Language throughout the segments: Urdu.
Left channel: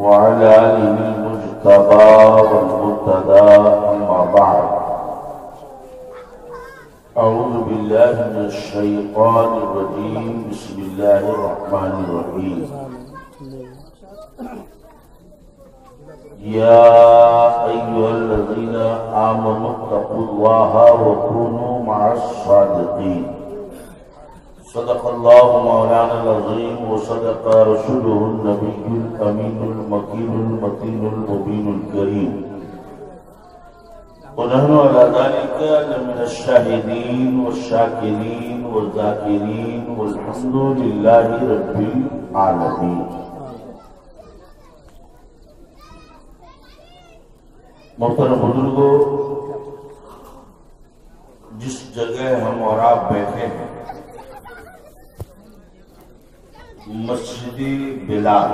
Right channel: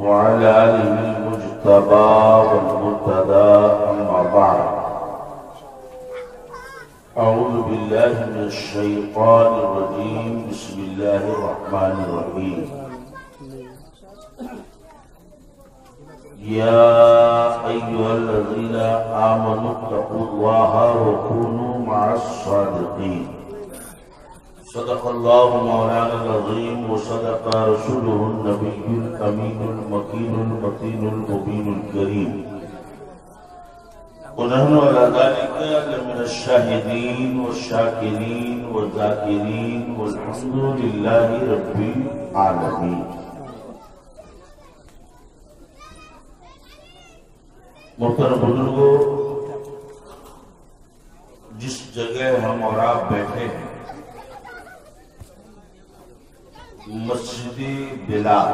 وعلى آله المجتبى والمرتضى أما بعد أعوذ بالله من الشيطان الرجيم بسم الله الرحمن الرحيم يا أيها الذين آمنوا اتقوا الله وكونوا مع الصادقين صدق الله مولانا العظيم وصدق رسوله النبي الأمين المكين المتين المبين الكريم ونحن على ذلك لمن الشاهدين والشاكرين والذاكرين والحمد لله رب العالمين. محترم بزرگوں، جس جگہ ہم اور آپ بیٹھے ہیں مسجد بلال،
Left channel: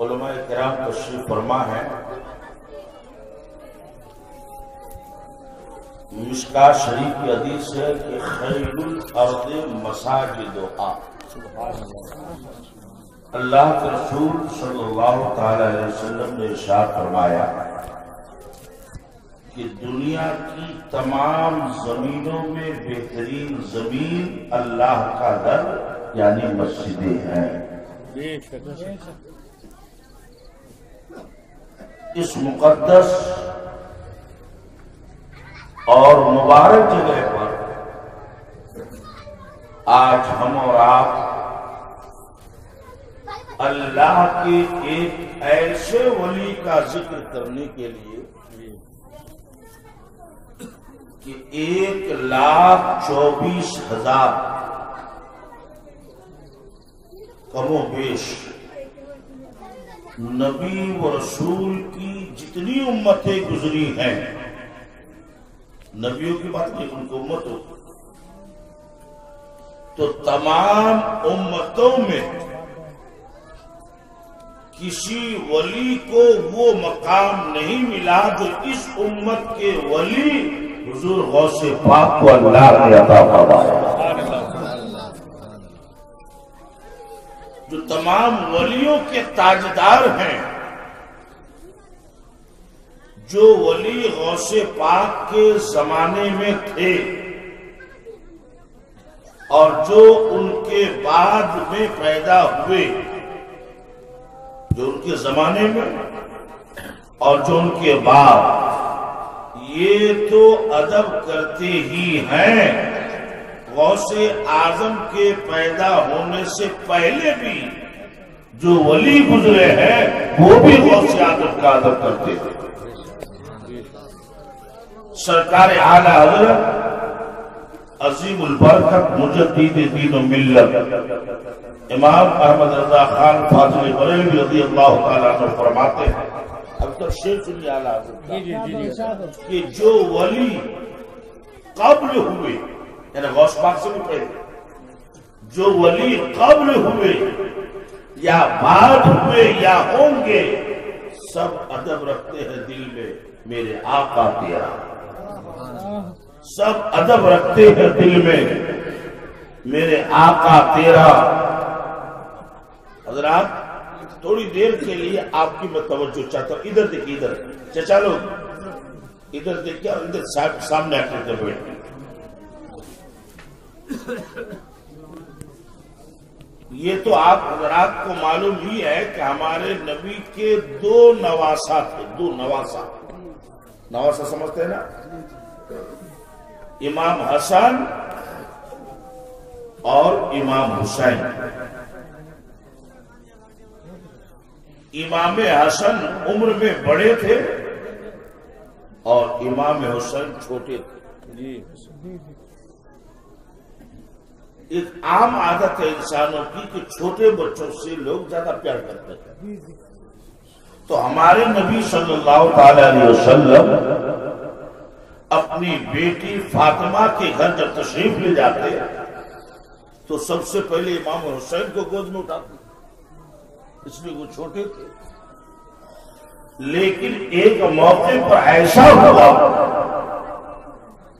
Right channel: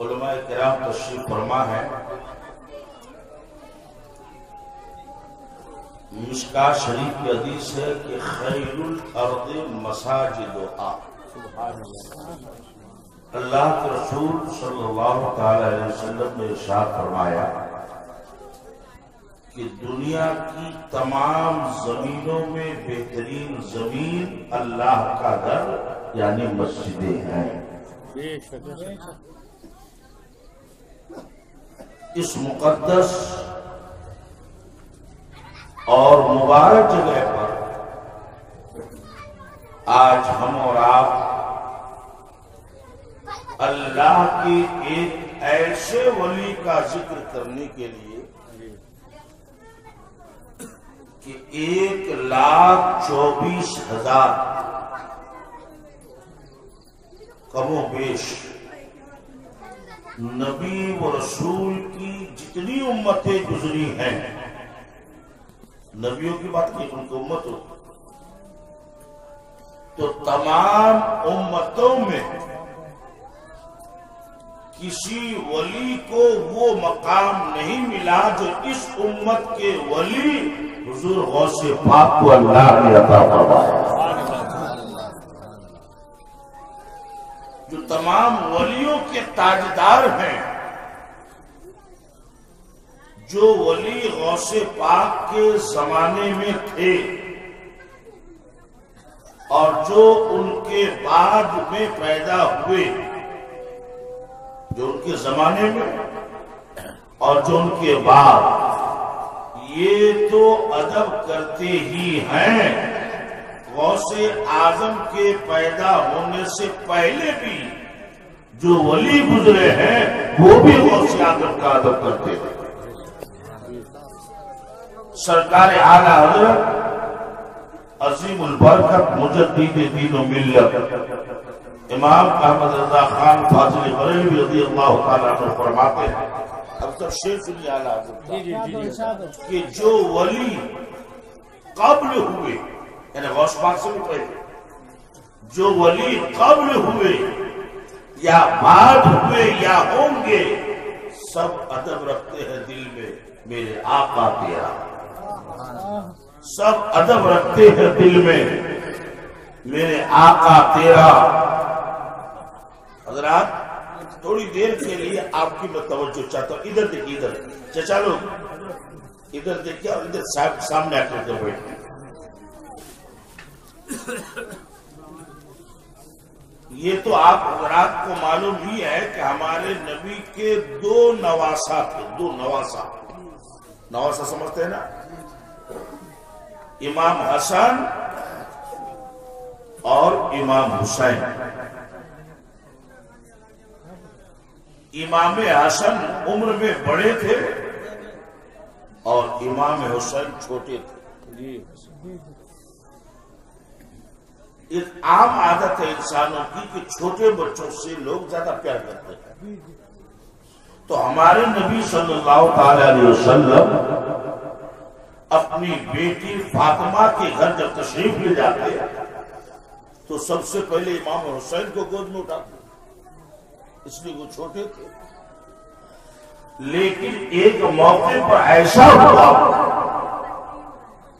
علماء کرام تشریف فرما ہے. مشکات شریف کی حدیث ہے کہ خیر الارض مساجدها. اللہ کے رسول صلی اللہ تعالی علیہ وسلم نے ارشاد فرمایا کہ دنیا کی تمام زمینوں میں بہترین زمین اللہ کا گھر یعنی مسجدیں ہیں. اس مقدس اور مبارک جگہ پر آج ہم اور آپ اللہ کے ایک ایسے ولی کا ذکر کرنے کے لیے کہ 1,24,000 کم و بیش نبی و رسول کی جتنی امتیں گزری ہیں، نبیوں کی بات کی ان کو امت ہو تو تمام امتوں میں کسی ولی کو وہ مقام نہیں ملا جو اس امت کے ولی حضور غوث پاک کو اللہ نے عطا فرمایا. جو تمام ولیوں کے تاجدار ہیں، جو ولی غوث پاک کے زمانے میں تھے اور جو ان کے بعد میں پیدا ہوئے، جو ان کے زمانے میں اور جو ان کے بعد، یہ تو ادب کرتے ہی ہیں. غوث اعظم کے پیدا ہونے سے پہلے بھی جو ولی گزرے ہیں وہ بھی غوث اعظم کا ادب کرتے تھے. سرکار اعلیٰ حضرت عظیم البرکت مجدد دین و ملت امام احمد رضا خان فاضل بریلوی رضی اللہ تعالیٰ عنہ فرماتے ہیں، اب تک شیخ سنی اعلیٰ حضرت کہ جو ولی قبل ہوئے، یعنی غوث پاک سے بھی پہلے جو ولی قبل ہوئے یا بعد ہوئے یا ہوں گے، سب ادب رکھتے ہیں دل میں میرے آقا تیرا. سب ادب رکھتے ہیں دل میں میرے آقا تیرا. حضرات، تھوڑی دیر کے لیے آپ کی میں توجہ چاہتا ہوں. ادھر دیکھیے، ادھر چچا لوگ ادھر دیکھیے اور ادھر سامنے آ کر بیٹھے. یہ تو آپ حضرات کو معلوم ہی ہے کہ ہمارے نبی کے 2 نواسا تھے. 2 نواسا سمجھتے ہیں نا؟ امام حسن اور امام حسین. امام حسن عمر میں بڑے تھے اور امام حسین چھوٹے تھے. ایک عام عادت ہے انسانوں کی کہ چھوٹے بچوں سے لوگ زیادہ پیار کرتے ہیں. تو ہمارے نبی صلی اللہ تعالی علیہ وسلم اپنی بیٹی فاطمہ کے گھر جب تشریف لے جاتے تو سب سے پہلے امام حسین کو گود میں اٹھاتے، اس لیے وہ چھوٹے تھے. لیکن ایک موقع پر ایسا ہوا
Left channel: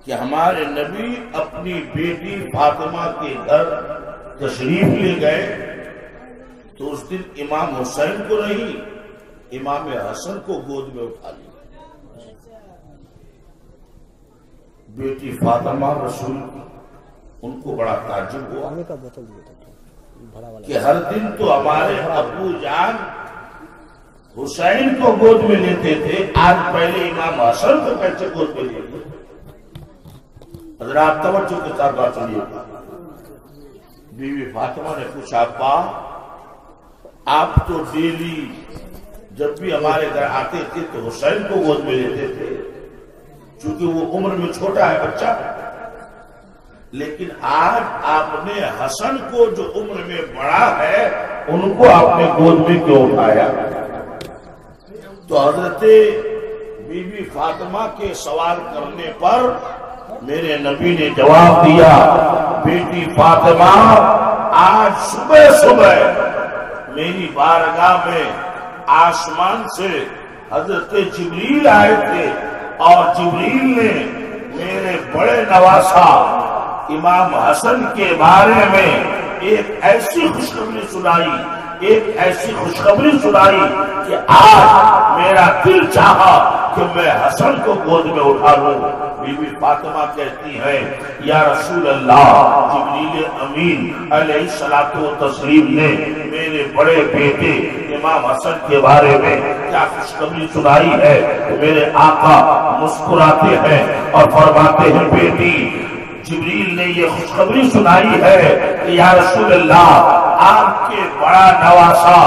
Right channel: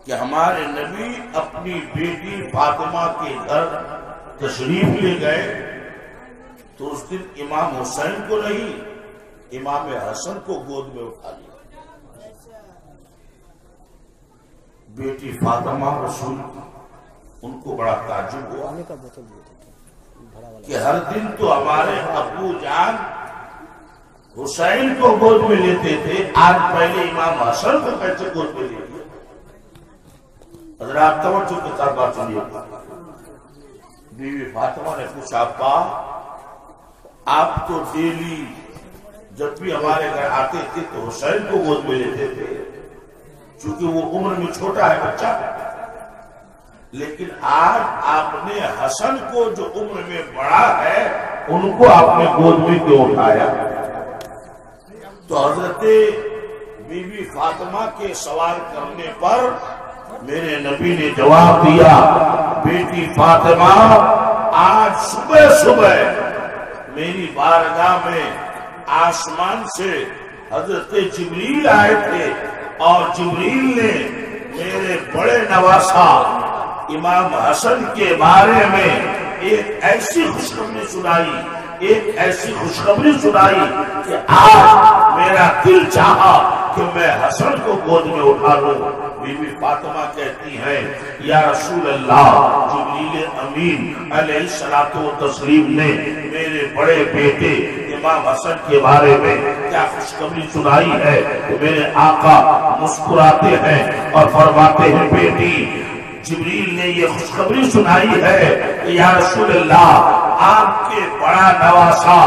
کہ ہمارے نبی اپنی بیٹی فاطمہ کے گھر تشریف لے گئے تو تو اس دن امام حسین کو نہیں امام حسن کو گود میں اٹھا لیا. بیٹی فاطمہ رسول کی ان کو بڑا تعجب ہوا کہ ہر دن تو ہمارے ابو جان حسین کو گود میں لیتے تھے، آج پہلے امام حسن کو کیسے گود میں لے لیے؟ حضرات توجہ کے ساتھ بات سنیے. بیوی فاطمہ نے پوچھا ابا آپ تو ڈیلی جب بھی ہمارے گھر آتے تھے تو حسین کو گود میں لیتے تھے چونکہ وہ عمر میں چھوٹا ہے بچہ، لیکن آج آپ نے حسن کو جو عمر میں بڑا ہے ان کو آپ نے گود میں کیوں اٹھایا؟ تو حضرت بی بی فاطمہ کے سوال کرنے پر میرے نبی نے جواب دیا بیٹی فاطمہ آج صبح صبح میری بارگاہ میں آسمان سے حضرت جبریل آئے تھے اور جبریل نے میرے بڑے نواسا امام حسن کے بارے میں ایک ایسی خوشخبری سنائی کہ آج میرا دل چاہا کہ میں حسن کو گود میں اٹھا لوں. بی بی فاطمہ کہتی ہیں یا رسول اللہ جبریل امین علیہ الصلوۃ والتسلیم نے میرے بڑے بیٹے امام حسن کے بارے میں کیا خوشخبری سنائی ہے؟ تو میرے آقا مسکراتے ہیں اور فرماتے ہیں بیٹی جبریل نے یہ خوشخبری سنائی ہے کہ یا رسول اللہ آپ کے بڑا نواسا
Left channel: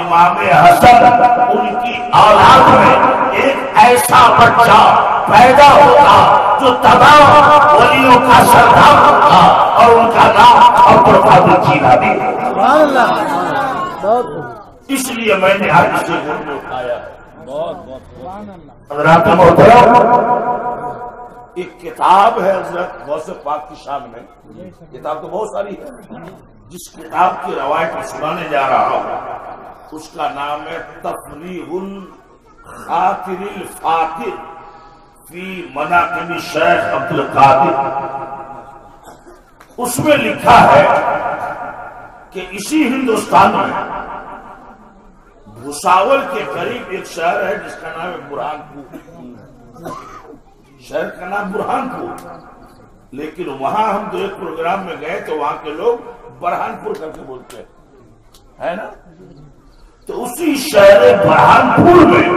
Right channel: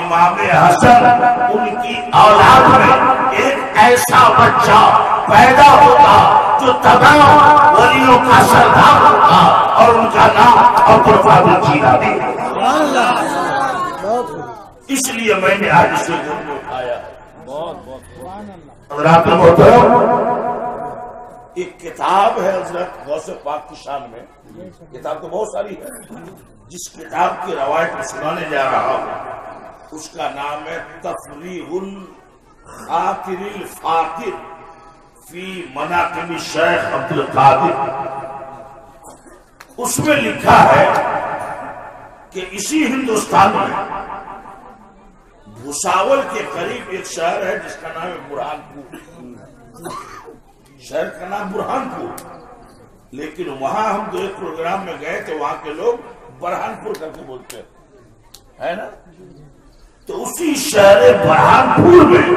امام حسن ان کی اولاد میں ایک ایسا بچہ پیدا ہوتا جو تمام ولیوں کا سردار ہوتا اور ان کا نام عبد القادر جیلانی ہے. اس لیے میں نے آج اسے گود میں اٹھایا ہے. حضرات محترم ایک کتاب ہے حضرت غوث پاک کی شان میں، کتاب تو بہت ساری ہے، جس کتاب کی روایت میں سنانے جا رہا ہوں اس کا نام ہے تفریح الخاطر الفاتر فی مناقب شیخ عبد القادر. اس میں لکھا ہے کہ اسی ہندوستان میں بھساول کے قریب ایک شہر ہے جس کا نام ہے برہان پور. شہر کا نام برہان پور، لیکن وہاں ہم جو ایک پروگرام میں گئے تو وہاں کے لوگ برہان پور کر کے بولتے ہیں نا. تو اسی شہر برہان پور میں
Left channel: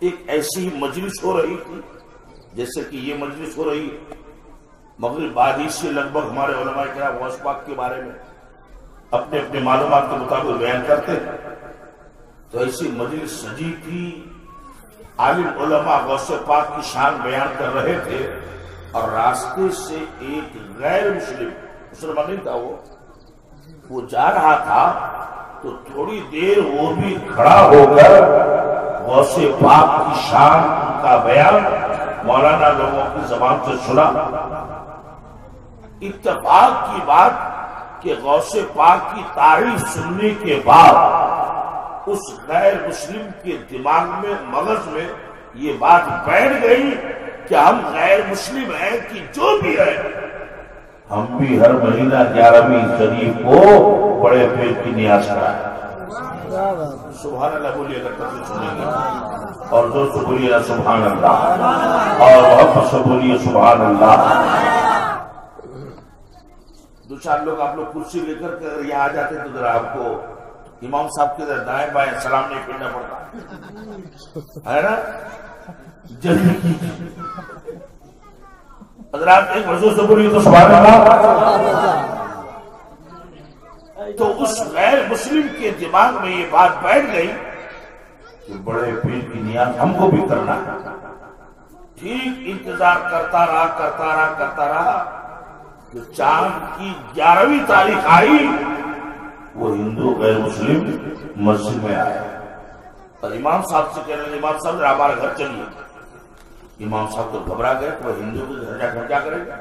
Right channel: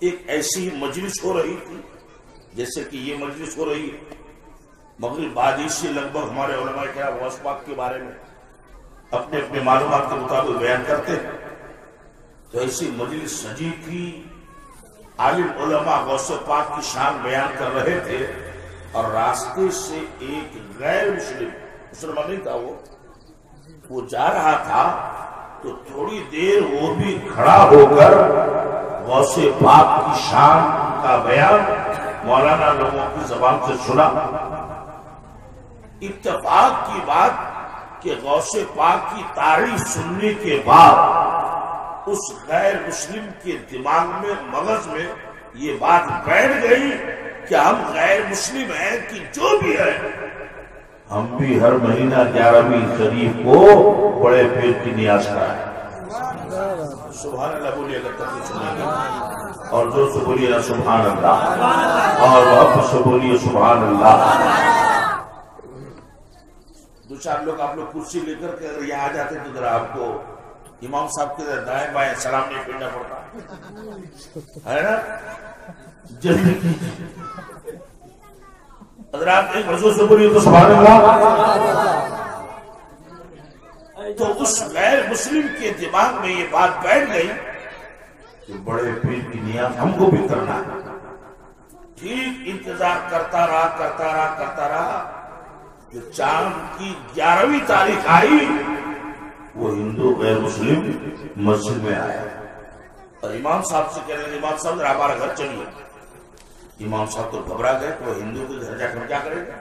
ایک ایسی مجلس ہو رہی تھی جیسے کہ یہ مجلس ہو رہی ہے. مغرب بعد سے لگ بھگ ہمارے علماء کرام غوث پاک کے بارے میں اپنے اپنے معلومات کے مطابق بیان کرتے ہیں. تو ایسی مجلس سجی تھی، عالم علماء غوث پاک کی شان بیان کر رہے تھے اور راستے سے ایک غیر مسلمان نہیں تھا، وہ جا رہا تھا تو تھوڑی دیر وہ بھی کھڑا ہو کر غوث پاک کی شان کا بیان مولانا لوگوں کی زبان سے سنا. اتفاق کی بات کہ غوث پاک کی تعریف سننے کے بعد اس غیر مسلم کے دماغ میں مغز میں یہ بات بیٹھ گئی کہ ہم غیر مسلم ہیں کہ جو بھی ہے ہم بھی ہر مہینہ 11ویں شریف کو بڑے پیٹ کی نیاز کرائیں. سبحان اللہ بولیے اگر تک سنیں گے اور جو سے بولیے سبحان اللہ اور وقت سے بولیے سبحان اللہ. دو چار لوگ آپ لوگ کرسی لے کر کے اگر یہاں آ جاتے تو ذرا آپ کو امام صاحب کے دائیں بائیں سلام نہیں پھیرنا پڑتا ہے نا. جلدی حضرات ایک مرضوں سے بولیے تو سبحان اللہ. تو اس غیر مسلم کے دماغ میں یہ بات بیٹھ گئی کہ بڑے پیر کی نیاز ہم کو بھی کرنا ہے. ٹھیک انتظار کرتا رہا کہ چاند کی 11ویں تاریخ آئی. وہ ہندو غیر مسلم مسجد میں آئے اور امام صاحب سے کہنے لگے امام صاحب ذرا ہمارا گھر چلیے. امام صاحب تو گھبرا گئے کہ وہ ہندو کے گھر جا کر کیا کرے گا.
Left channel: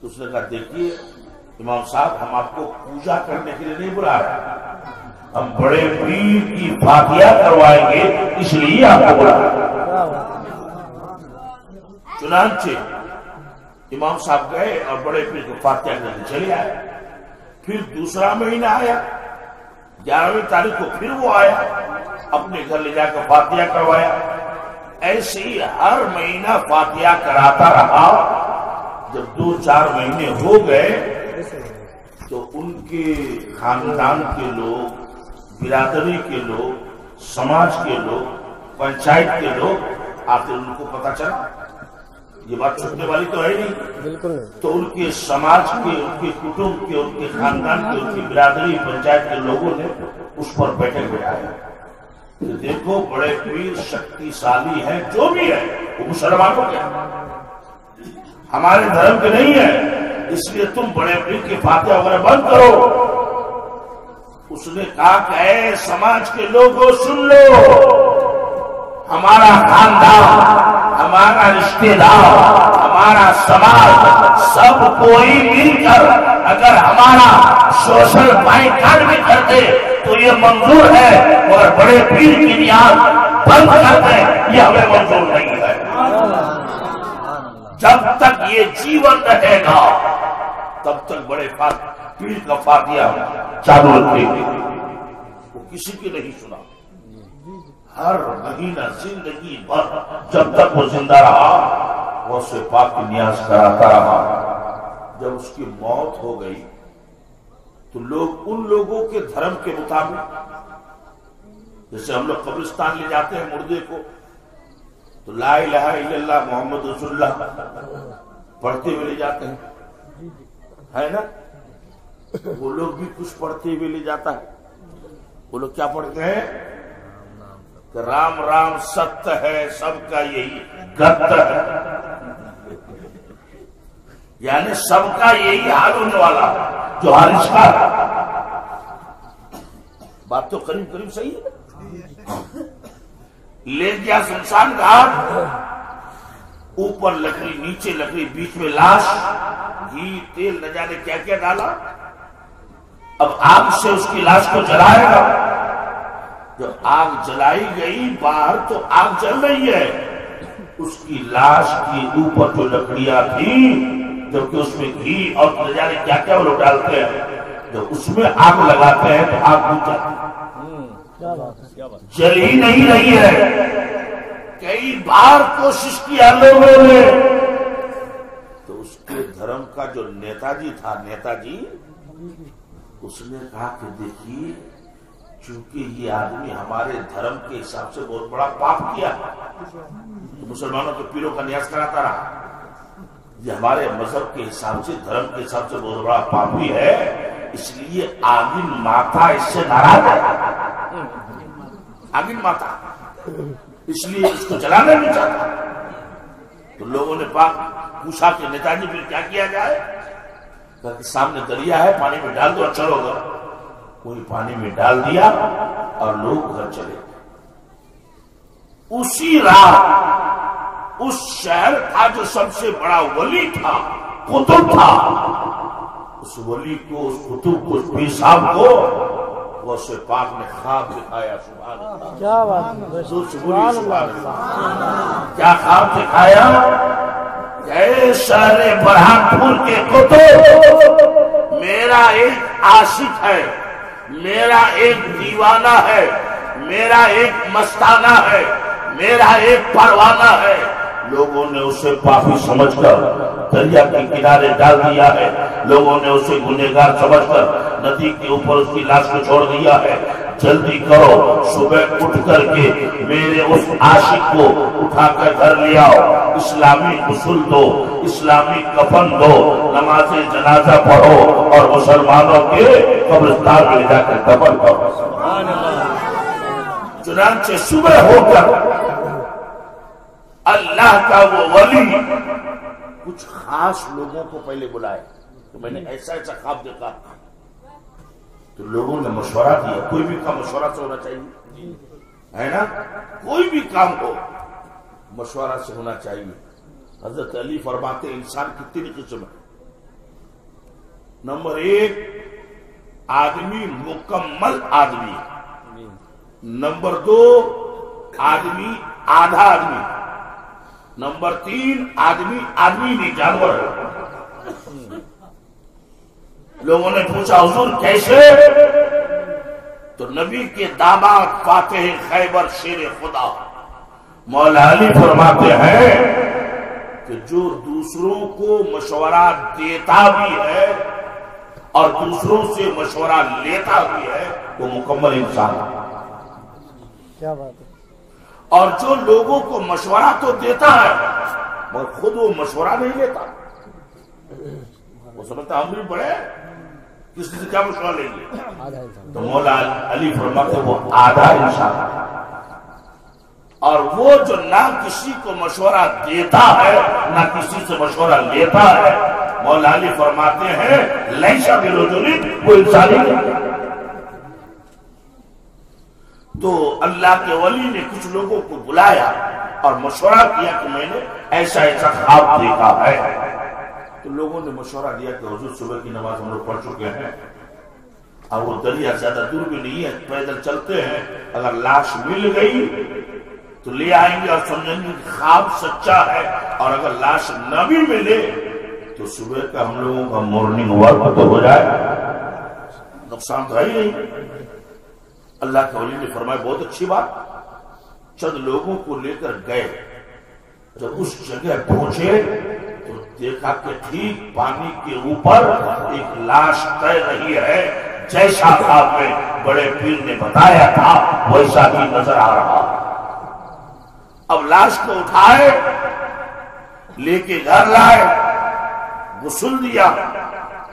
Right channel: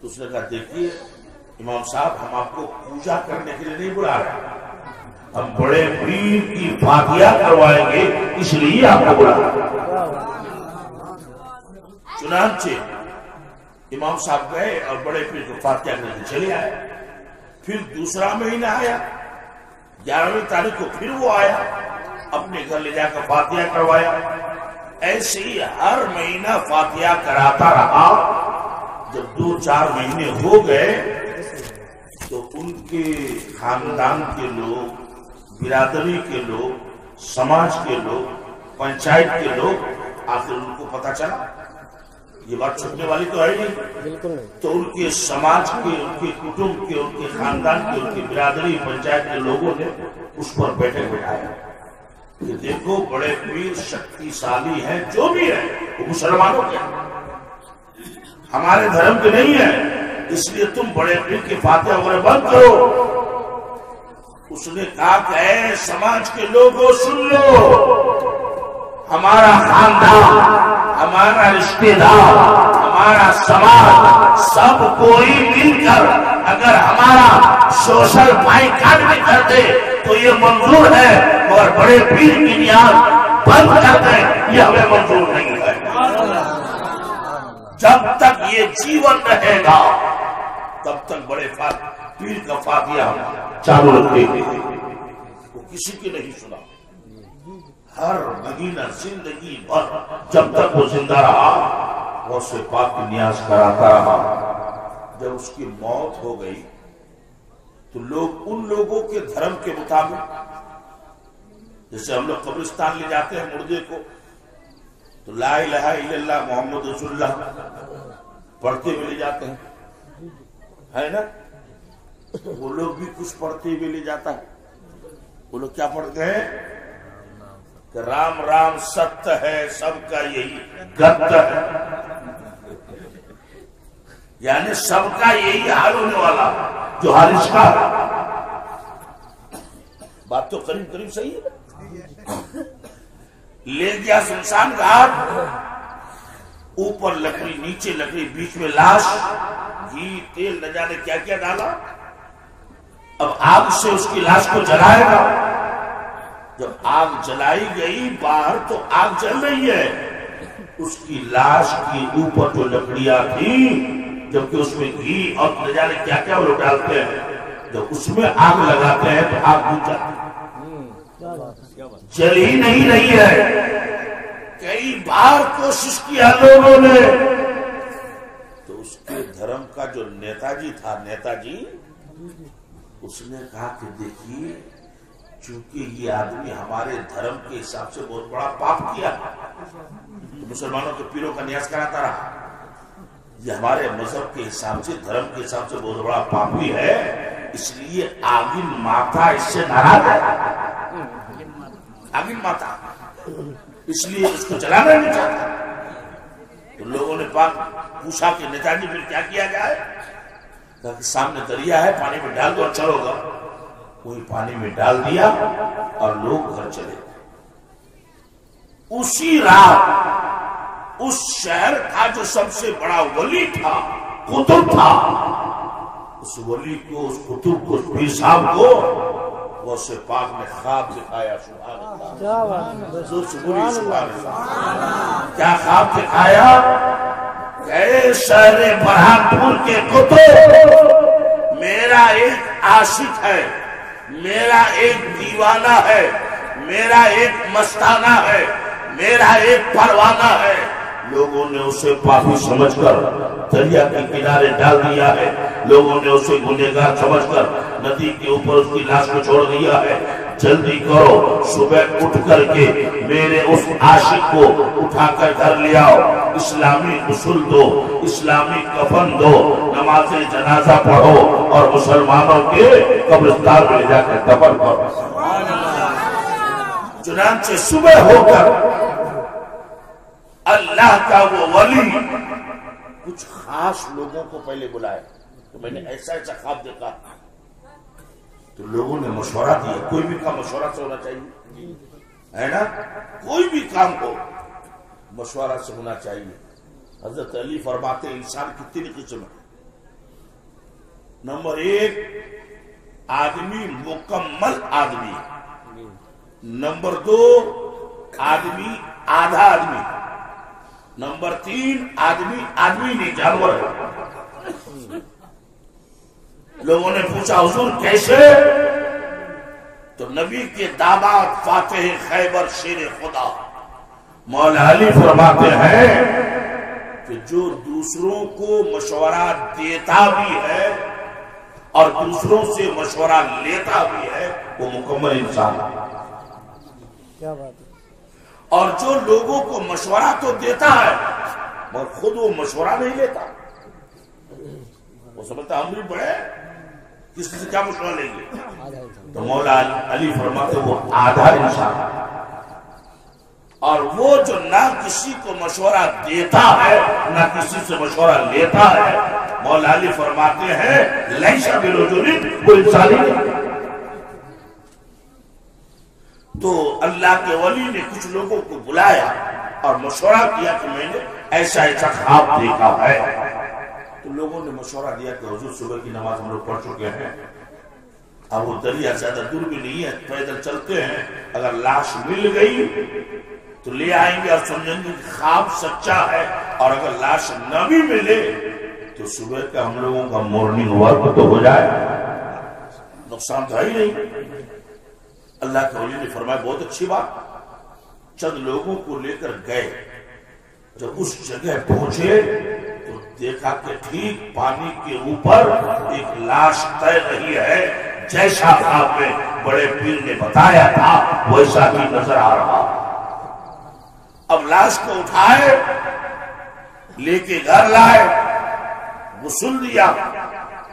تو اس نے کہا دیکھیے امام صاحب ہم آپ کو پوجا کرنے کے لیے نہیں بلا رہے، ہم بڑے پیر کی فاتحہ کروائیں گے اس لیے آپ کو بلا رہے. چنانچہ امام صاحب گئے اور بڑے پیر کو فاتحہ کرنے چلے آئے. پھر دوسرا مہینہ آیا، 11ویں تاریخ کو پھر وہ آیا، اپنے گھر لے جا کر فاتحہ کروایا۔ ایسے ہی ہر مہینہ فاتحہ کراتا رہا۔ جب 2-4 مہینے ہو گئے تو ان کے خاندان کے لوگ، برادری کے لوگ، سماج کے لوگ، پنچایت کے لوگ، آخر ان کو پتہ چلا، یہ بات چھپنے والی تو ہے نہیں، تو ان کے سماج کے، ان کے کٹمب کے، ان کے خاندان کے، ان کی برادری پنچایت کے لوگوں نے اس پر بیٹھک بٹھایا کہ دیکھو بڑے پیر شکتیشالی ہیں، جو بھی ہے وہ مسلمانوں کے ہمارے دھرم کے نہیں ہے، اس لیے تم بڑے پیر کی فاتحہ وغیرہ بند کرو۔ اس نے کہا کہ اے سماج کے لوگوں سن لو، ہمارا خاندان، ہمارا رشتہ دار، ہمارا سماج، سب کوئی مل کر اگر ہمارا سوشل بائیکاٹ بھی کر دے تو یہ منظور ہے، اور بڑے پیر کی نیاز بند کر دیں یہ ہمیں منظور نہیں ہے۔ جب تک یہ جیون رہے گا تب تک بڑے پیر کا فاتحہ چالو رکھے گی۔ وہ کسی کی نہیں سنا، ہر مہینہ زندگی بھر جب تک وہ زندہ رہا غوث پاک کی نیاز کراتا رہا۔ جب اس کی موت ہو گئی تو لوگ ان لوگوں کے دھرم کے مطابق، جیسے ہم لوگ قبرستان لے جاتے ہیں مردے کو تو لا الہ الا اللہ محمد رسول اللہ پڑھتے ہوئے لے جاتے ہیں، ہے نا؟ وہ لوگ بھی کچھ پڑھتے ہوئے لے جاتا ہے۔ وہ لوگ کیا پڑھتے ہیں کہ رام رام ستیہ ہے، سب کا یہی گت ہے، یعنی سب کا یہی حال ہونے والا جو حال اس کا ہے۔ بات تو قریب قریب صحیح ہے۔ لے گیا شمشان گھاٹ، اوپر لکڑی، نیچے لکڑی، بیچ میں لاش، گھی تیل نہ جانے کیا کیا ڈالا۔ اب آگ سے اس کی لاش کو جلائے گا۔ جب آگ جلائی گئی باہر تو آگ جل رہی ہے، اس کی لاش کی اوپر جو لکڑیاں تھیں، جبکہ اس میں گھی اور نہ جانے کیا کیا وہ لوگ ڈالتے ہیں، جب اس میں آگ لگاتے ہیں تو آگ بجھ جاتی ہے، جل ہی نہیں رہی ہے۔ کئی بار کوشش کیا لوگوں نے، تو اس کے دھرم کا جو نیتا جی تھا، نیتا جی، اس نے کہا کہ دیکھیے چونکہ یہ آدمی ہمارے دھرم کے حساب سے بہت بڑا پاپ کیا تو مسلمانوں کے پیروں کا نیاز کراتا رہا، یہ ہمارے مذہب کے حساب سے، دھرم کے حساب سے بہت بڑا پاپی ہے، اس لیے آگن ماتا اس سے ناراض ہے، آگن ماتا، اس لیے اس کو جلانا نہیں چاہتا۔ تو لوگوں نے پوچھا کہ نیتا جی پھر کیا کیا جائے؟ کہ سامنے دریا ہے، پانی میں ڈال دو اچھا ہوگا۔ وہی پانی میں ڈال دیا اور لوگ گھر چلے گئے۔ اسی رات اس شہر کا جو سب سے بڑا ولی تھا، قطب تھا، اس ولی کو، اس قطب کو، اس پیر صاحب کو غوث پاک نے خواب دکھایا۔ سبحان اللہ، زور سے بولیے سبحان اللہ۔ کیا خواب دکھایا؟ اے شہر برہان پور کے قطب، میرا ایک عاشق ہے، میرا ایک دیوانہ ہے، میرا ایک مستانہ ہے، میرا ایک پروانہ ہے۔ لوگوں نے اسے پاپی سمجھ کر دریا کے کنارے ڈال دیا ہے، لوگوں نے اسے گنہگار سمجھ کر ندی کے اوپر اس کی لاش کو چھوڑ دیا ہے۔ جلدی کرو، صبح اٹھ کر کے میرے اس عاشق کو اٹھا کر گھر لے آؤ، اسلامی غسل دو، اسلامی کفن دو، نماز جنازہ پڑھو اور مسلمانوں کے قبرستان میں لے جا کر دفن کرو۔ چنانچہ صبح ہو کر اللہ کا وہ ولی کچھ خاص لوگوں کو پہلے بلائے تو میں نے ایسا ایسا خواب دیکھا، تو لوگوں نے مشورہ دیا۔ کوئی بھی کام مشورہ سے ہونا چاہیے، ہے نا؟ کوئی بھی کام ہو مشورہ سے ہونا چاہیے۔ حضرت علی فرماتے انسان کی 3 قسم ہے۔ نمبر 1 آدمی مکمل آدمی، نمبر 2 آدمی آدھا آدمی، نمبر 3 آدمی آدمی نہیں جانور ہے۔ لوگوں نے پوچھا حضور کیسے؟ تو نبی کے داماد فاتح خیبر شیر خدا مولا علی فرماتے ہیں کہ جو دوسروں کو مشورہ دیتا بھی ہے اور دوسروں سے مشورہ لیتا بھی ہے وہ مکمل انسان ہے۔ کیا بات ہے۔ اور جو لوگوں کو مشورہ تو دیتا ہے مگر خود وہ مشورہ نہیں لیتا، وہ سمجھتا ہم بھی بڑے کسی سے کیا مشورہ لیں گے، تو مولا علی فرماتے وہ آدھا انسان ہے۔ اور وہ جو نہ کسی کو مشورہ دیتا ہے نہ کسی سے مشورہ لیتا ہے، مولا علی فرماتے ہیں لیسا برجل، وہ انسان ہی نہیں۔ تو اللہ کے ولی نے کچھ لوگوں کو بلایا اور مشورہ کیا کہ میں نے ایسا ایسا خواب دیکھا ہے۔ تو لوگوں نے مشورہ دیا کہ حضور صبح کی نماز ہم لوگ پڑھ چکے ہیں، اب وہ دریا زیادہ دور بھی نہیں ہے، پیدل چلتے ہیں، اگر لاش مل گئی تو لے آئیں گے اور سمجھیں گے کہ خواب سچا ہے، اور اگر لاش نہ بھی ملے تو صبح کا ہم لوگوں کا مارننگ ورک تو ہو جائے، نقصان تو ہے ہی نہیں۔ اللہ کے ولی نے فرمایا بہت اچھی بات۔ چند لوگوں کو لے کر گئے، جب اس جگہ پہنچے تو دیکھا کہ ٹھیک پانی کے اوپر ایک لاش تیر رہی ہے، جیسا خواب میں بڑے پیر نے بتایا تھا ویسا ہی نظر آ رہا۔ اب لاش کو اٹھائے، لے کے گھر لائے، غسل دیا،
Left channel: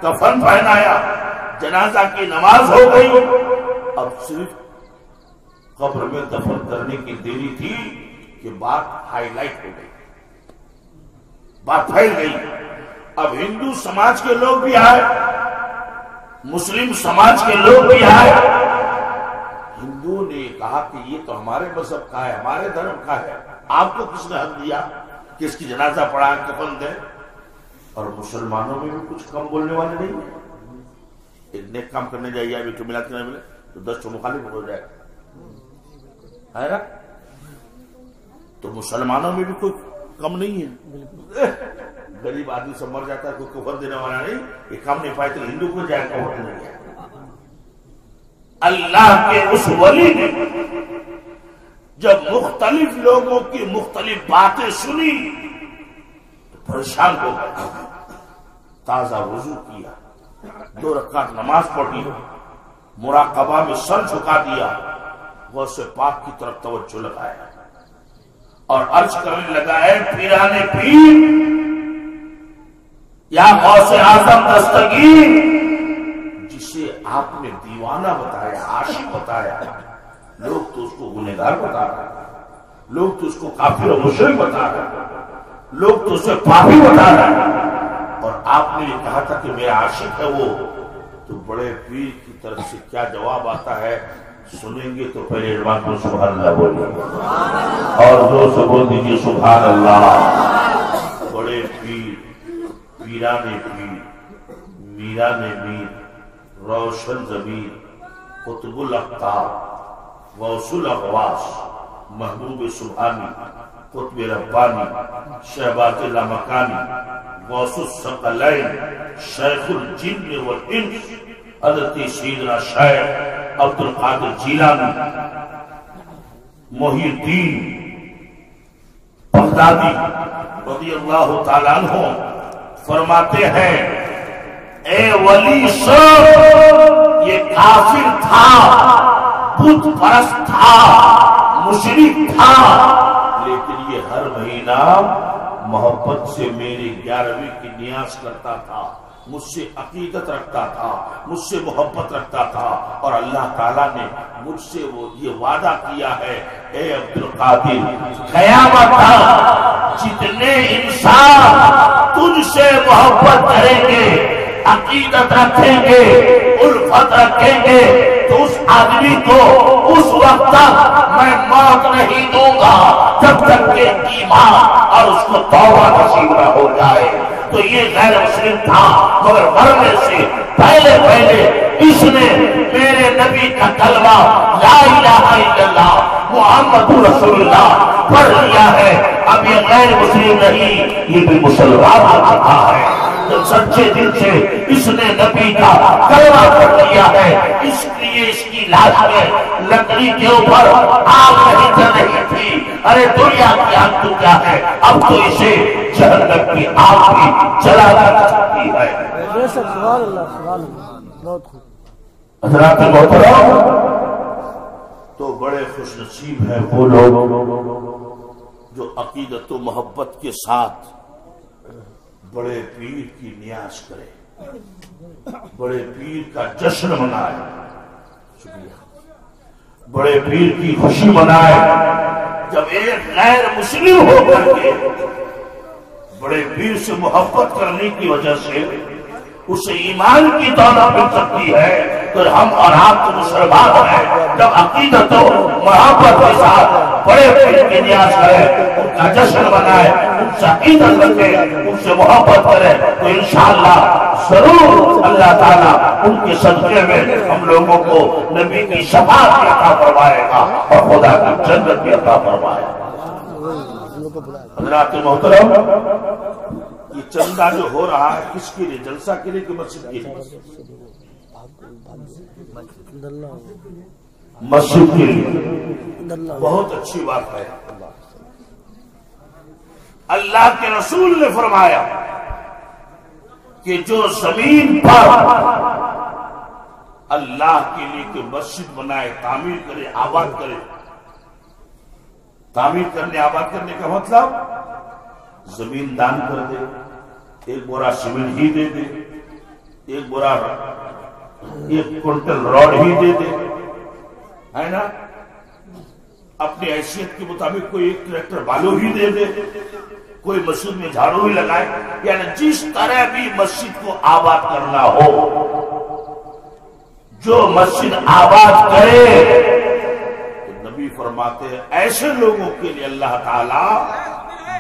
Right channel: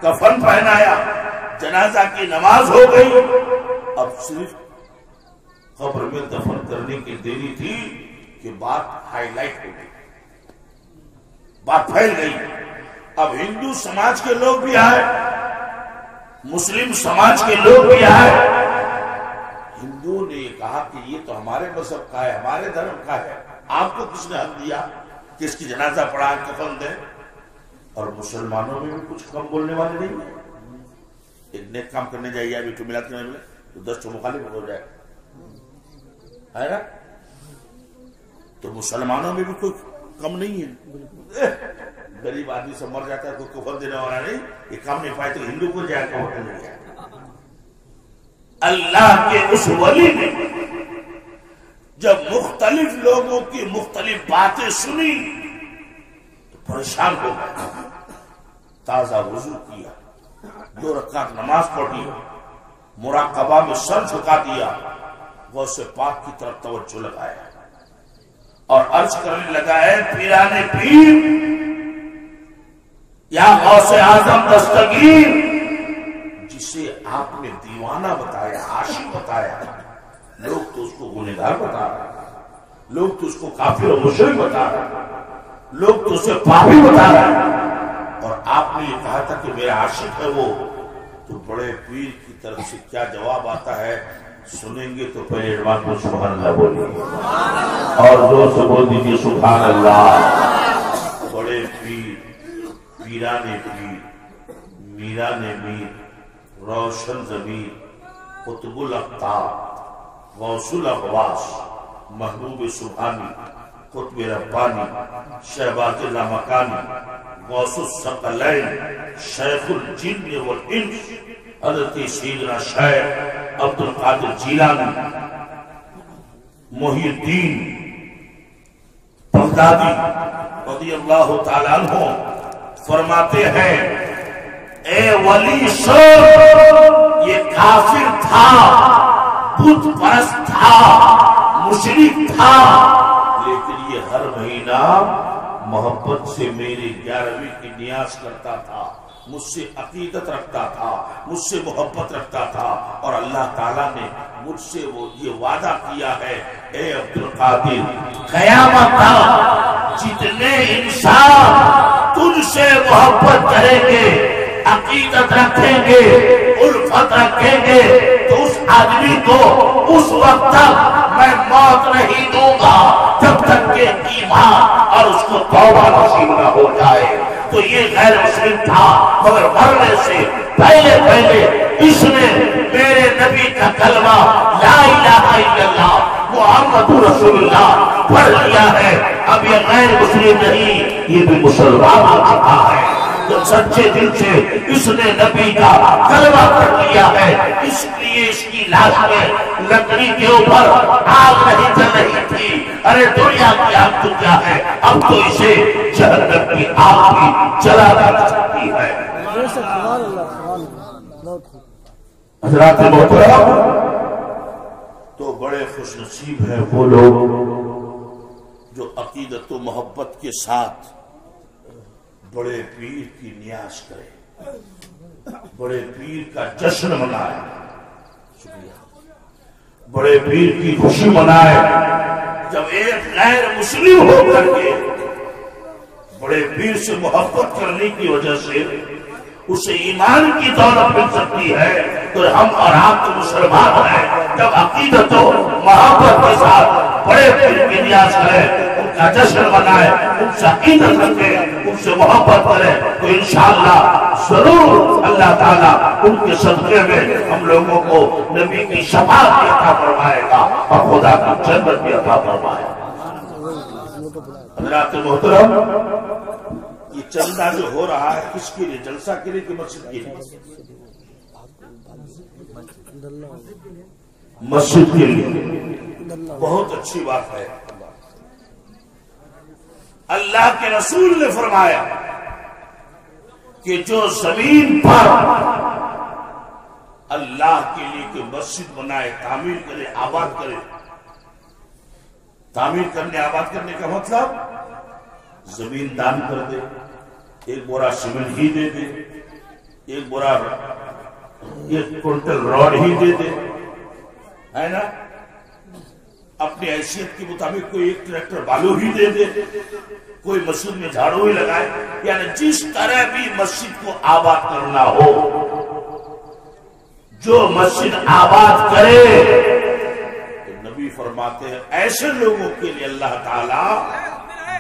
کفن پہنایا، جنازہ کی نماز ہو گئی۔ اب صرف قبر میں دفن کرنے کی دیری تھی کہ بات ہائی لائٹ ہو گئی، بات پھیل گئی۔ اب ہندو سماج کے لوگ بھی آئے، مسلم سماج کے لوگ بھی آئے۔ ہندو نے کہا کہ یہ تو ہمارے مذہب کا ہے، ہمارے دھرم کا ہے، آپ کو کس نے حق دیا کہ اس کی جنازہ پڑھا کفن دیں؟ اور مسلمانوں میں بھی کچھ کم بولنے والے نہیں ہیں۔ ایک نیک کام کرنے جائیے، ابھی تو ملاد کرنے ملے تو 10 تو مخالف ہو جائے، ہے نا؟ تو مسلمانوں میں بھی کوئی کم نہیں ہے۔ غریب آدمی سے مر جاتا ہے، کوئی کفن دینے والا نہیں، یہ کام نہیں پائے تو ہندو کو جائے کفن نہیں جائے۔ اللہ کے اس ولی نے جب مختلف لوگوں کی مختلف باتیں سنی تو پریشان ہو گئے، تازہ وضو کیا، 2 رکعت نماز پڑھی، مراقبہ میں سر جھکا دیا، غوث پاک کی طرف توجہ لگایا اور عرض کرنے لگا اے پیرانے پیر یا غوث اعظم دستگیر، جسے آپ نے دیوانہ بتایا، عاشق بتایا، لوگ تو اس کو گنہگار بتا رہے، لوگ تو اس کو کافر و مشرک بتا رہے، لوگ تو اسے پاپی بتا رہے، اور آپ نے یہ کہا تھا کہ میرا عاشق ہے وہ، تو بڑے پیر کی طرف سے کیا جواب آتا ہے سنیں گے تو پہلے ایمان کو سبحان اللہ بولیے اور دو سے بول دیجیے سبحان اللہ۔ بڑے پیر، پیرانے پیر، میران میر، روشن ضمیر، قطب الاقطاب، غوث الاغواث، محبوب سبحانی، قطب ربانی، شہباز لامکانی، غوث الثقلین، شیخ الجن والانس، حضرت سیدنا شیخ عبد القادر جیلانی، محی الدین بغدادی رضی اللہ تعالیٰ عنہ فرماتے ہیں اے ولی صاحب، یہ کافر تھا، بت پرست تھا، مشرک تھا، لیکن یہ ہر مہینہ محبت سے میری 11ویں کی نیاز کرتا تھا، مجھ سے عقیدت رکھتا تھا، مجھ سے محبت رکھتا تھا، اور اللہ تعالیٰ نے مجھ سے وہ یہ وعدہ کیا ہے اے عبد القادر قیامت تک جتنے انسان تجھ سے محبت کریں گے، عقیدت رکھیں گے، الفت رکھیں گے، تو اس آدمی کو اس وقت تک میں موت نہیں دوں گا جب تک کہ ایمان اور اس کو توبہ نصیب نہ ہو جائے۔ تو یہ غیر مسلم تھا، مگر مرنے سے پہلے اس نے میرے نبی کا کلمہ لا الہ الا اللہ محمد رسول اللہ پڑھ لیا ہے، اب یہ غیر مسلم نہیں، یہ بھی مسلمان ہو چکا ہے۔ جب سچے دل سے اس نے نبی کا کلمہ پڑھ لیا ہے، اس لیے اس کی لاش میں لکڑی کے اوپر آگ نہیں جل رہی تھی۔ ارے دنیا کی آگ تو کیا ہے، اب تو اسے جہنم کی آگ بھی جلا جا سکتی ہے۔ بے شک، سبحان اللہ، سبحان اللہ، بہت خوب۔ حضرات محترم، تو بڑے خوش نصیب ہیں وہ لوگ جو عقیدت و محبت کے ساتھ بڑے پیر کی نیاز کرے، بڑے پیر کا جشن منائے، شکریہ، بڑے پیر کی خوشی منائے۔ جب ایک غیر مسلم ہو کر کے بڑے پیر سے محبت کرنے کی وجہ سے اسے ایمان کی دولت مل سکتی ہے، تو ہم اور آپ تو مسلمان ہیں، جب عقیدت و محبت کے ساتھ بڑے پیر کی نیاز کرے، ان کا جشن منائے، ان سے عقیدت رکھے، ان سے محبت کرے، تو انشاءاللہ ضرور اللہ تعالیٰ ان کے صدقے میں ہم لوگوں کو نبی کی شفاعت بھی عطا فرمائے گا اور خدا کی جنت بھی عطا فرمائے گا۔ حضرات محترم، یہ چندہ جو ہو رہا ہے کس کے لیے؟ جلسہ کے لیے کہ مسجد کے لیے؟ مسجد کے لیے۔ بہت اچھی بات ہے۔ اللہ کے رسول نے فرمایا کہ جو زمین پر اللہ کے لیے کوئی مسجد بنائے، تعمیر کرے، آباد کرے، تعمیر کرنے آباد کرنے کا مطلب زمین دان کر دے، ایک بورا سیمنٹ ہی دے دے، ایک کنٹل راڈ ہی دے دے، ہے نا، اپنی حیثیت کے مطابق کوئی ایک ٹریکٹر بالو ہی دے دے، کوئی مسجد میں جھاڑو ہی لگائے، یعنی جس طرح بھی مسجد کو آباد کرنا ہو، جو مسجد آباد کرے، تو نبی فرماتے ہیں ایسے لوگوں کے لیے اللہ تعالیٰ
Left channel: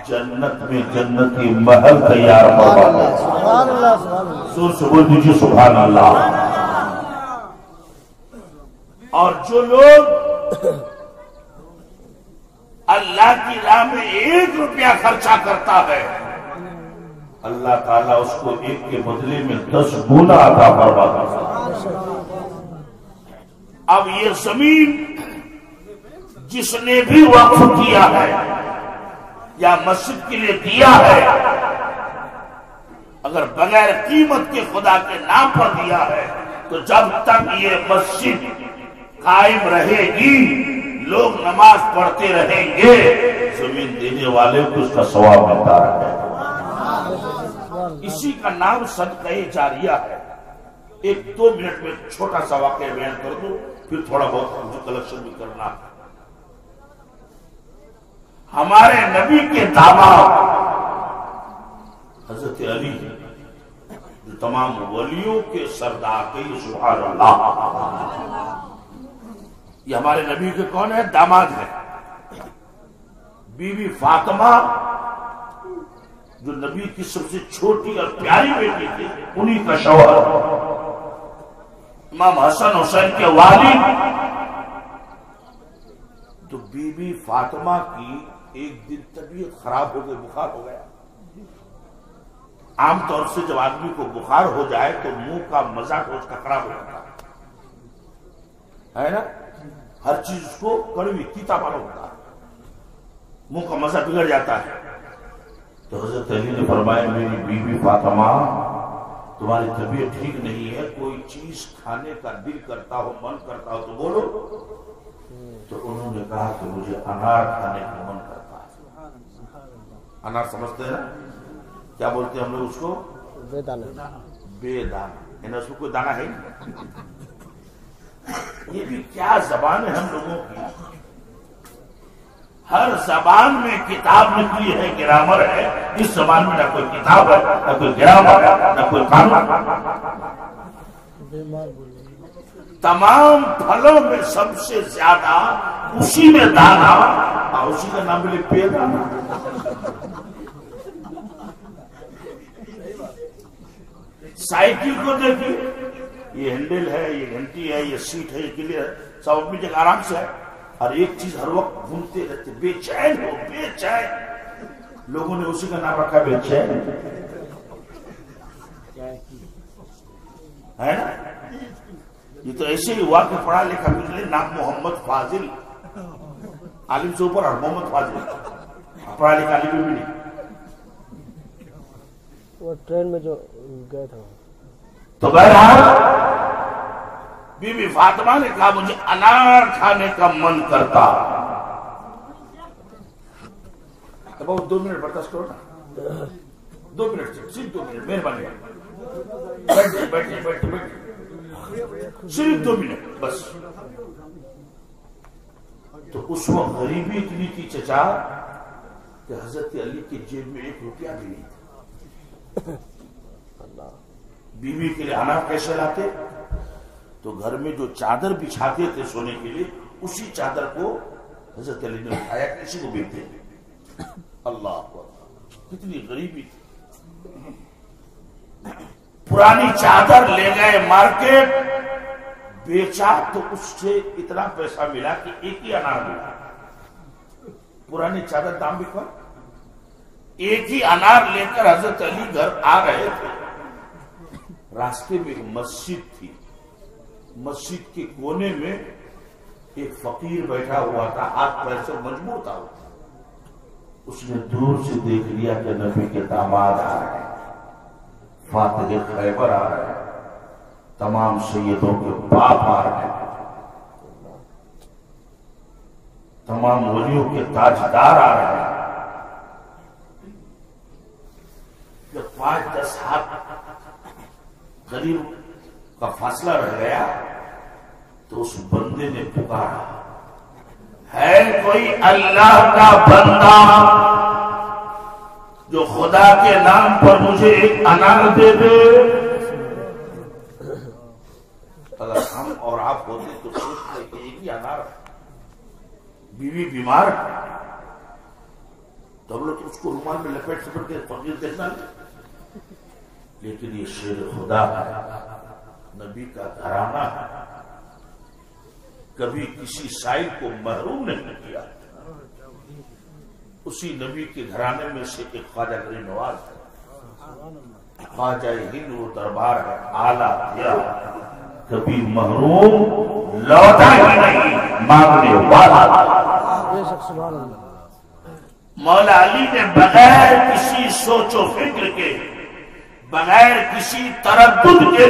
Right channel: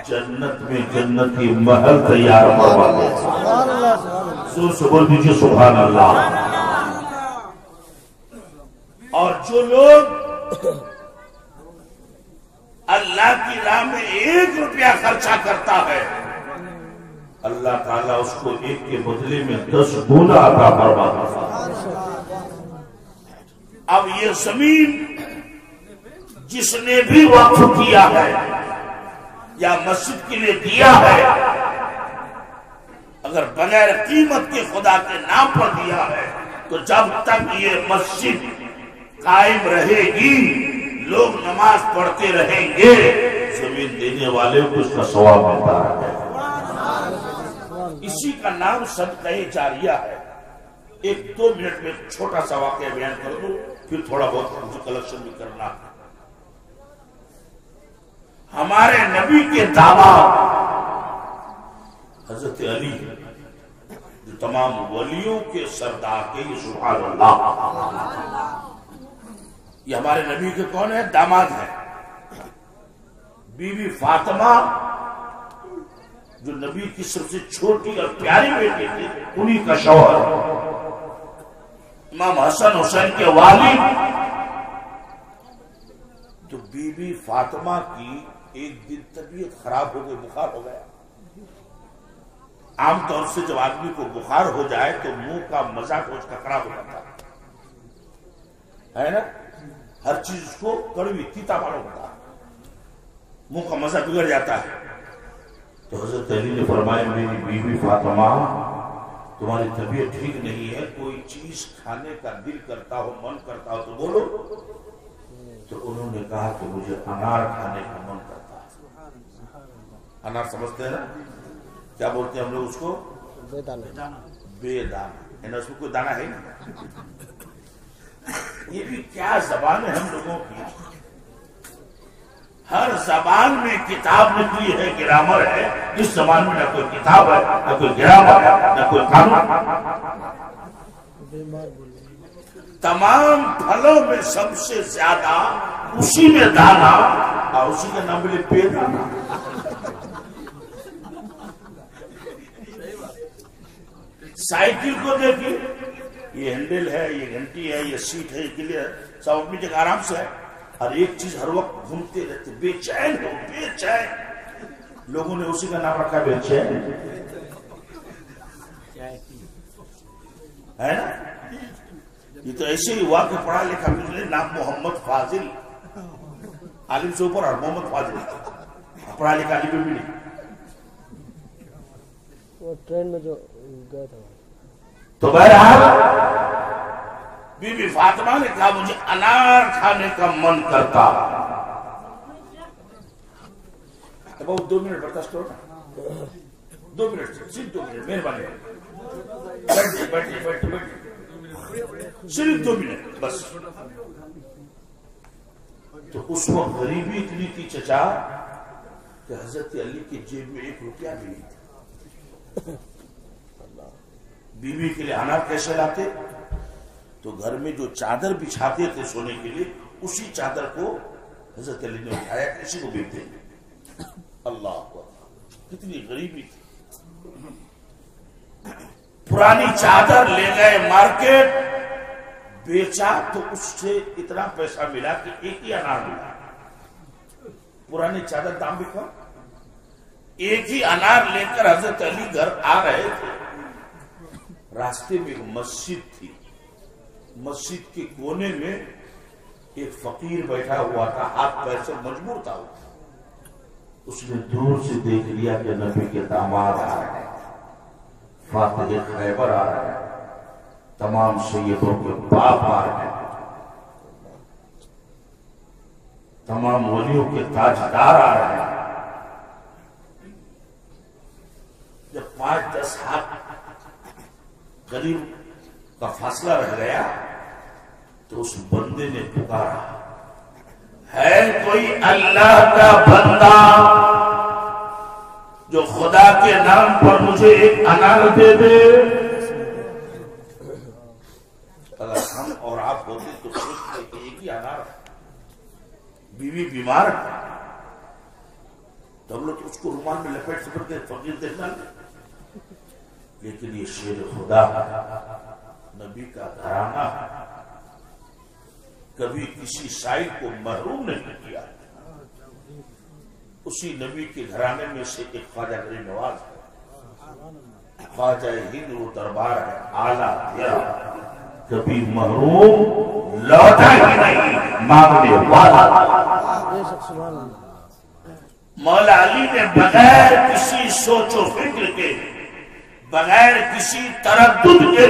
جنت میں جنتی محل تیار فرماتا ہے۔ سبحان اللہ، سبحان اللہ، زور سے بول دیجیے سبحان اللہ۔ اور جو لوگ اللہ کی راہ میں 1 روپیہ خرچہ کرتا ہے، اللہ تعالیٰ اس کو 1 کے بدلے میں 10 گنا عطا فرماتا ہے۔ اب یہ زمین جس نے بھی وقف کیا ہے یا مسجد کے لیے دیا ہے، اگر بغیر قیمت کے خدا کے نام پر دیا ہے، تو جب تک یہ مسجد قائم رہے گی، لوگ نماز پڑھتے رہیں گے، زمین دینے والے کو اس کا ثواب ملتا رہے گا۔ اسی کا نام صدقہ جاریہ ہے۔ 1-2 منٹ میں چھوٹا سا واقعہ بیان کر دوں، پھر تھوڑا بہت مجھے کلیکشن بھی کرنا ہے۔ ہمارے نبی کے داماد حضرت علی، جو تمام ولیوں کے سردار کے، یہ سبحان اللہ، یہ ہمارے نبی کے کون ہے؟ داماد ہے۔ بی بی فاطمہ جو نبی کی سب سے چھوٹی اور پیاری بیٹی تھی، انہی کا شوہر امام حسن حسین کے والد۔ تو بی بی فاطمہ کی ایک دن طبیعت خراب ہو گئی، بخار ہو گیا۔ عام طور سے جب آدمی کو بخار ہو جائے تو منہ کا مزاج اس کا خراب ہو جاتا ہے نا، ہر چیز کو کڑوی تیتا معلوم ہوتا ہے، منہ کا مزہ بگڑ جاتا ہے۔ تو حضرت علی نے فرمایا میری بیوی فاطمہ تمہاری طبیعت ٹھیک نہیں ہے، کوئی چیز کھانے کا دل کرتا ہو، من کرتا ہو تو بولو۔ تو انہوں نے کہا کہ مجھے انار کھانے کا من کرتا ہے۔ انار سمجھتے ہیں نا، کیا بولتے ہیں ہم لوگ اس کو؟ بے دانہ، بے دانہ، یعنی اس میں کوئی دانہ ہے نہیں۔ یہ بھی کیا زبان ہے ہم لوگوں کی، ہر زبان میں کتاب نکلی ہے، گرامر ہے، اس زبان میں نہ کوئی کتاب ہے، نہ کوئی گرامر ہے، نہ کوئی قانون۔ بیمار بولے، تمام پھلوں میں سب سے زیادہ اسی میں دانا، اور اسی کا نام ملے بے دانا۔ سائیکل کو دیکھیں، یہ ہینڈل ہے، یہ گھنٹی ہے، یہ سیٹ ہے، یہ کلیئر ہے، سب اپنی جگہ آرام سے ہے، اور ایک چیز ہر وقت گھومتے رہتے، بے چین ہو، بے چین۔ لوگوں نے اسی کا نام رکھا بے چین۔ ہے نا؟ یہ تو ایسے ہی ہوا کہ پڑھا لکھا گزرے نام محمد فاضل، عالم سے اوپر، اور محمد فاضل پڑھا لکھا عالم بھی نہیں. وہ ٹرین میں جو گئے تھا. تو بہرحال بی بی فاطمہ نے کہا مجھے انار کھانے کا من کرتا. اب 2 منٹ برداشت کرو نا، 2 منٹ، صرف 2 منٹ، مہربانی بیٹھے صرف 2 منٹ بس. تو اس وقت غریبی اتنی تھی چچا کہ حضرت علی کی جیب میں 1 روپیہ بھی نہیں تھا. بیوی کے لیے انار کیسے لاتے؟ تو گھر میں جو چادر بچھاتے تھے سونے کے لیے، اسی چادر کو حضرت علی نے اٹھایا کہ کسی کو بیچ دیں گے. اللہ اکبر، کتنی غریبی تھی. پرانی چادر لے گئے مارکیٹ، بیچا تو اس سے اتنا پیسہ ملا کہ 1 ہی انار ملا. پرانی چادر دام بھی کم، 1 ہی انار لے کر حضرت علی گھر آ رہے تھے. راستے میں ایک مسجد تھی، مسجد کے کونے میں ایک فقیر بیٹھا ہوا تھا، ہاتھ پیر سے مجبور تھا. اس نے دور سے دیکھ لیا کہ نبی کے داماد آ رہے ہیں، فاتح خیبر آ رہے ہیں، تمام سیدوں کے باپ آ رہے ہیں، تمام ولیوں کے تاجدار آ رہے ہیں. جب 5-10 ہاتھ قریب کا فاصلہ رہ گیا تو اس بندے نے پکارا، ہے کوئی اللہ کا بندہ جو خدا کے نام پر مجھے 1 انار دے دے؟ اگر ہم اور آپ ہوتے تو سوچتے کہ 1 ہی انار ہے، بیوی بیمار ہے، تو ہم لوگ اس کو رومال میں لپیٹ سپٹ کے فقیر دیکھنا نہیں. لیکن یہ شیر خدا ہے، نبی کا گھرانہ ہے، کبھی کسی سائل کو محروم نہیں کیا. اسی نبی کے گھرانے میں سے ایک خواجہ غریب نواز ہے، خواجہ ہند وہ دربار ہے اعلیٰ دیا، کبھی محروم لوٹا ہی نہیں، مانگنے والا. مولا علی نے بغیر کسی سوچ و فکر کے، بغیر کسی تردد کے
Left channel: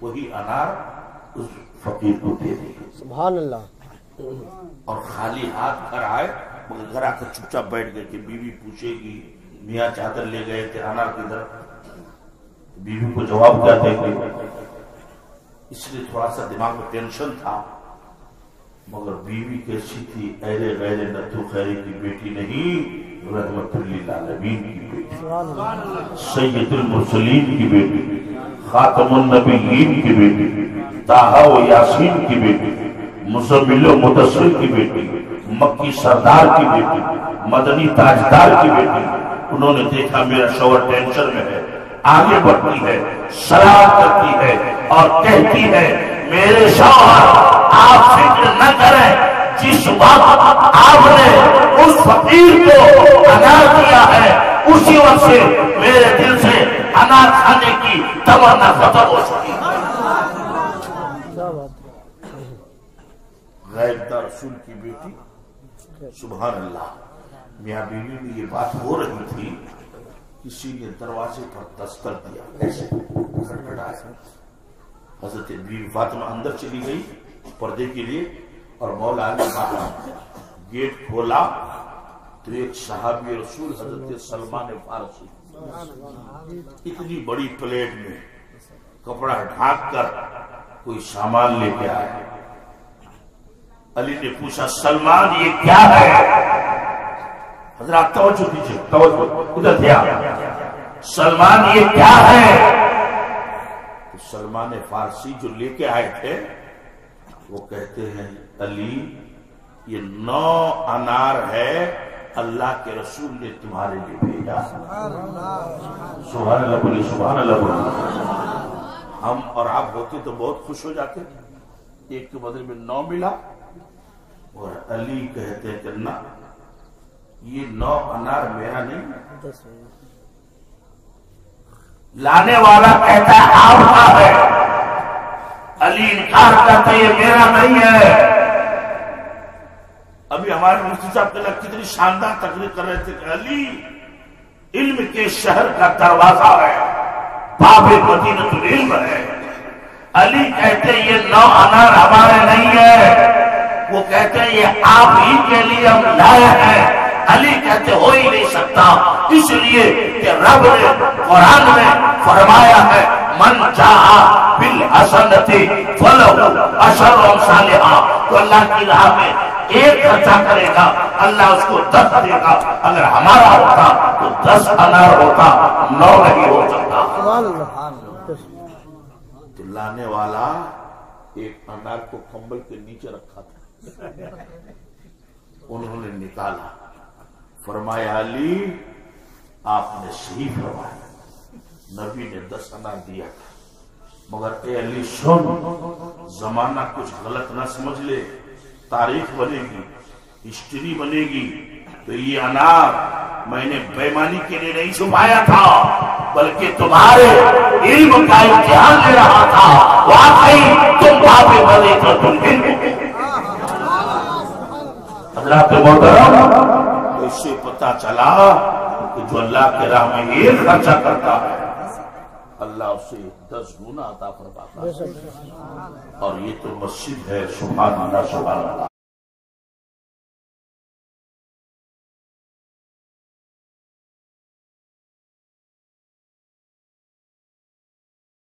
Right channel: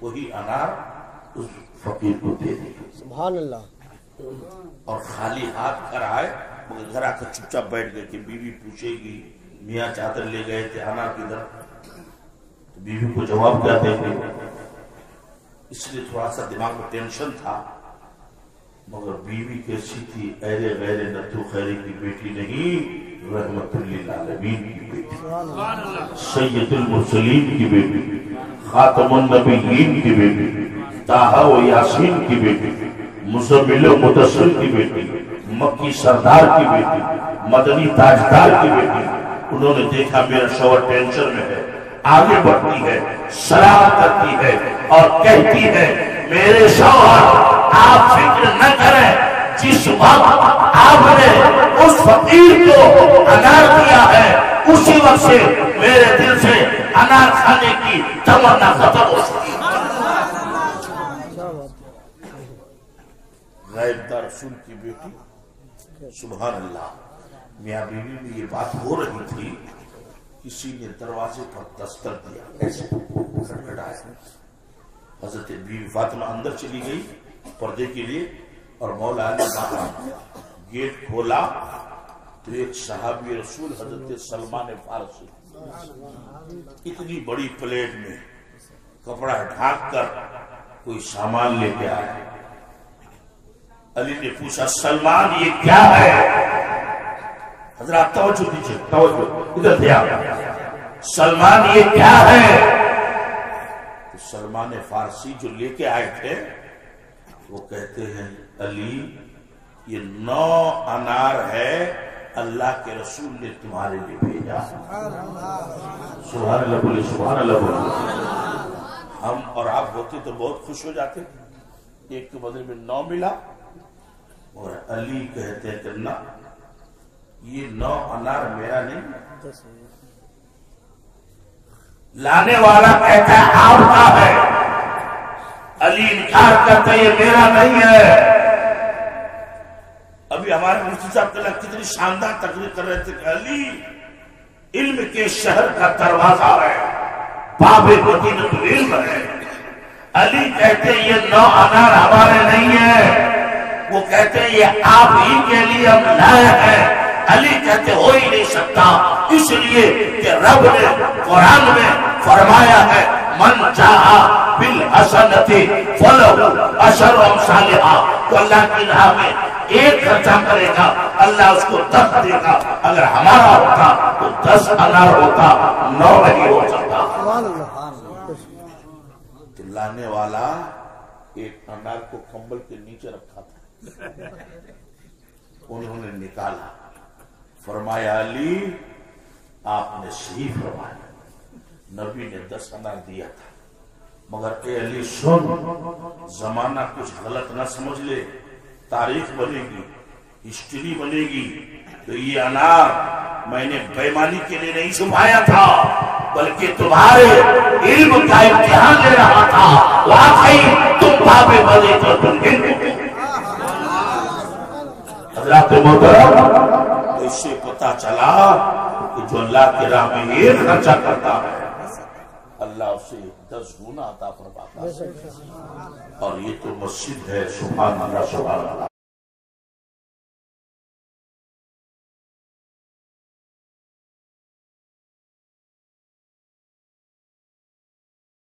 وہی انار اس فقیر کو دے دی. سبحان اللہ. اور خالی ہاتھ گھر آئے، مگر گھر آ کر چپ چاپ بیٹھ گئے کہ بیوی پوچھے گی میاں چادر لے گئے تھے انار کدھر؟ بیوی کو جواب کیا دیں گے؟ اس لیے تھوڑا سا دماغ میں ٹینشن تھا. مگر بیوی کیسی تھی؟ ایرے غیر نتو خیری کی بیٹی نہیں، رحمت للعالمین کی بیٹی، سید المرسلین کی بیٹی، خاتم النبیین کی بیٹی، طٰہٰ و یاسین کی بیٹی، مزمل و مدثر کی بیٹی، مکی سردار کی بیٹی، مدنی تاجدار کی بیٹی. انہوں نے دیکھا میرا شوہر ٹینشن میں ہے، آگے بڑھتی ہے، سلام کرتی ہے اور کہتی ہے میرے شوہر آپ فکر نہ کریں، جس وقت آپ نے اس فقیر کو انار دیا ہے اسی وقت سے میرے دل سے انار کھانے کی تمنا ختم ہو چکی. غائب دار رسول کی بیٹی، سبحان اللہ. میاں بیوی میں یہ بات ہو رہی تھی، کسی نے دروازے پر دستک دیا، ایسے کھٹکھٹایا. حضرت بیوی فاطمہ اندر چلی گئی پردے کے لیے، اور مولا علی باہر. گیٹ کھولا تو ایک صحابی رسول حضرت سلمان فارسی اتنی بڑی پلیٹ میں کپڑا ڈھانک کر کوئی سامان لے کے آئے. علی نے پوچھا سلمان یہ کیا ہے؟ حضرات توجہ دیجئے، توجہ ادھر دھیان. سلمان یہ کیا ہے؟ تو سلمان فارسی جو لے کے آئے تھے وہ کہتے ہیں علی یہ 9 انار ہے، اللہ کے رسول نے تمہارے لیے بھیجا. سبحان اللہ بولیے، سبحان اللہ بولیے. ہم اور آپ ہوتے تو بہت خوش ہو جاتے، ایک کے بدلے میں 9 ملا. اور علی کہتے ہیں کہ نہ، یہ 9 انار میرا نہیں، لانے والا کہتا ہے آپ کا ہے، علی انکار کرتا ہے یہ میرا نہیں ہے۔ ابھی ہمارے مفتی صاحب کے لئے کتنی شاندار تقریر کر رہے تھے کہ علی علم کے شہر کا دروازہ ہے، باب مدینۃ العلم ہے۔ علی کہتے ہیں یہ 9 انار ہمارے نہیں ہے، وہ کہتے ہیں یہ آپ ہی کے لیے ہم لائے ہیں۔ علی کہتے ہو ہی نہیں سکتا، اس لیے کہ رب نے قرآن میں فرمایا ہے من جاء بالحسنۃ فلہ عشر امثالھا، تو اللہ کی راہ میں ایک خرچہ کرے گا اللہ اس کو 10 دے گا۔ اگر ہمارا ہوتا تو 10 انار ہوتا، 9 نہیں ہو سکتا۔ سبحان اللہ۔ تو لانے والا ایک انار کو کمبل کے نیچے رکھا تھا، انہوں نے نکالا، فرمایا علی آپ نے صحیح فرمایا، نبی نے 10 انار دیا تھا، مگر اے علی سن، زمانہ کچھ غلط نہ سمجھ لے، تاریخ بنے گی، ہسٹری بنے گی، تو یہ انار میں نے بے ایمانی کے لیے نہیں چھپایا تھا، بلکہ تمہارے علم کا امتحان لے رہا تھا۔ واقعی تم باب مدینۃ العلم ہو۔ حضرات محترم، تو اس سے پتا چلا کہ جو اللہ کے راہ میں ایک خرچہ کرتا ہے اللہ اسے 10 گنا عطا فرماتا ہے، اور یہ تو مسجد ہے۔ سبحان اللہ، سبحان اللہ۔